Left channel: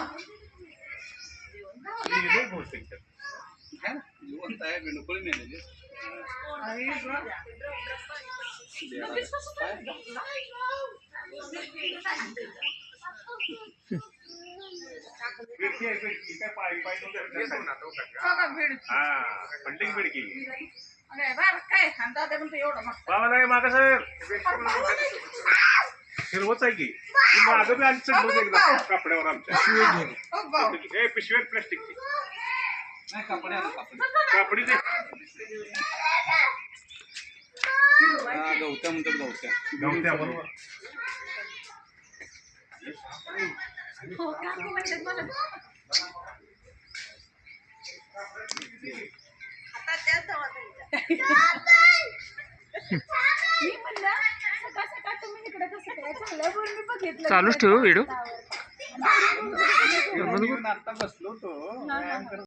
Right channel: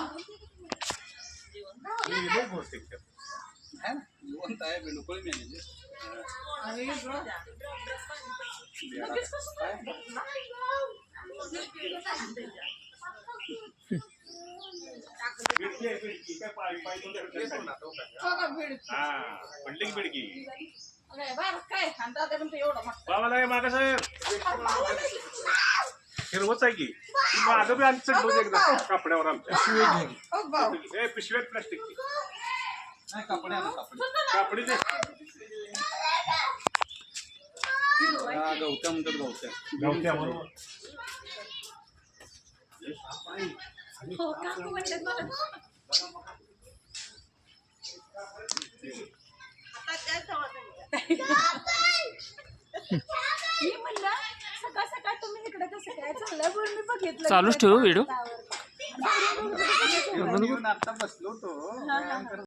ये लोग बोलते क्या है ना जीवन तो है मेनू कोई तो तो हाँ, तो नहीं है अरे ब्रो बिल्डिंग बिडकी अरे बाहेर काय खांदा ते पण एवढं मग बाबाला मागासाहेब हिरवच आहे की ती मागं बी आली चढलो एकदा कापड्यावर आमच्या हे पिशव्यात प्लास्टिकची नाही कापडे आला कापडे कापडी दे गवत्या म्हणतात गवत्या गवत्या बरोबर हो का म्हणतात मला चालूच ठेवू व्हिडिओ बसलो